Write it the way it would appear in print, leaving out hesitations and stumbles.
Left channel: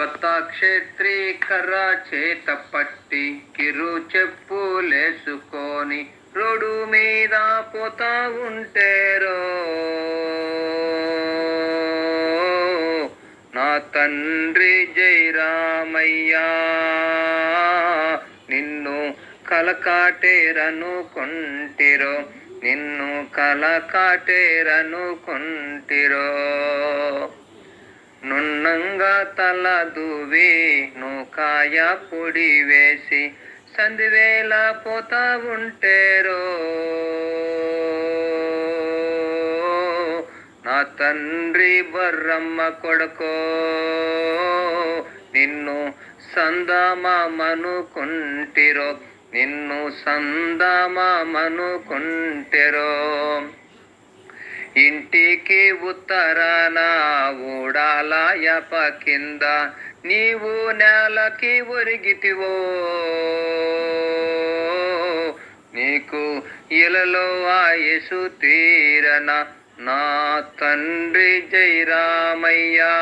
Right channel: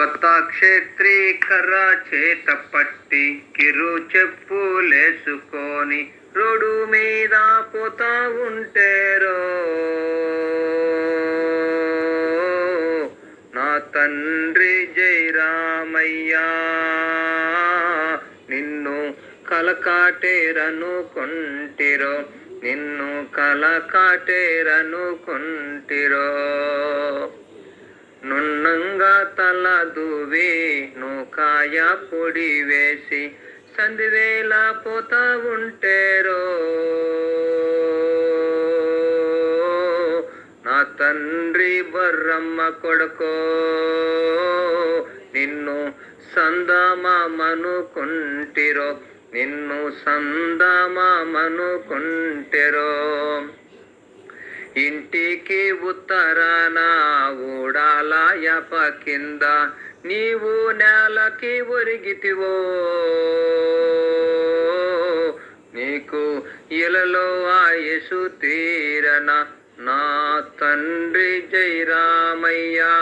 కొత్త క్షేత్రి కర్ర చేత పట్టి కిరు చెప్పులేసుకొని రోడ్డు మీద పోతా ఉంటేరో నా తండ్రి జై రామయ్యా నిన్ను కలకాటేరనుకుంటిరో నిన్ను కలకాటేరనుకుంటిరో నున్నంగా తల దువ్వి నూకాయ పొడి వేసి సంధివేళ పోతా ఉంటేరో నా తండ్రి బర్రమ్మ కొడుకో నిన్ను సందమామనుకుంటిరో నిన్ను సందమామనుకుంటిరో ఇంటికి ఉత్తరాన ఊడాల యప కింద నీవు నేలకి ఒరిగితివో నీకు ఇలలో ఆయుసు తీరన నా తండ్రి జై రామయ్యా.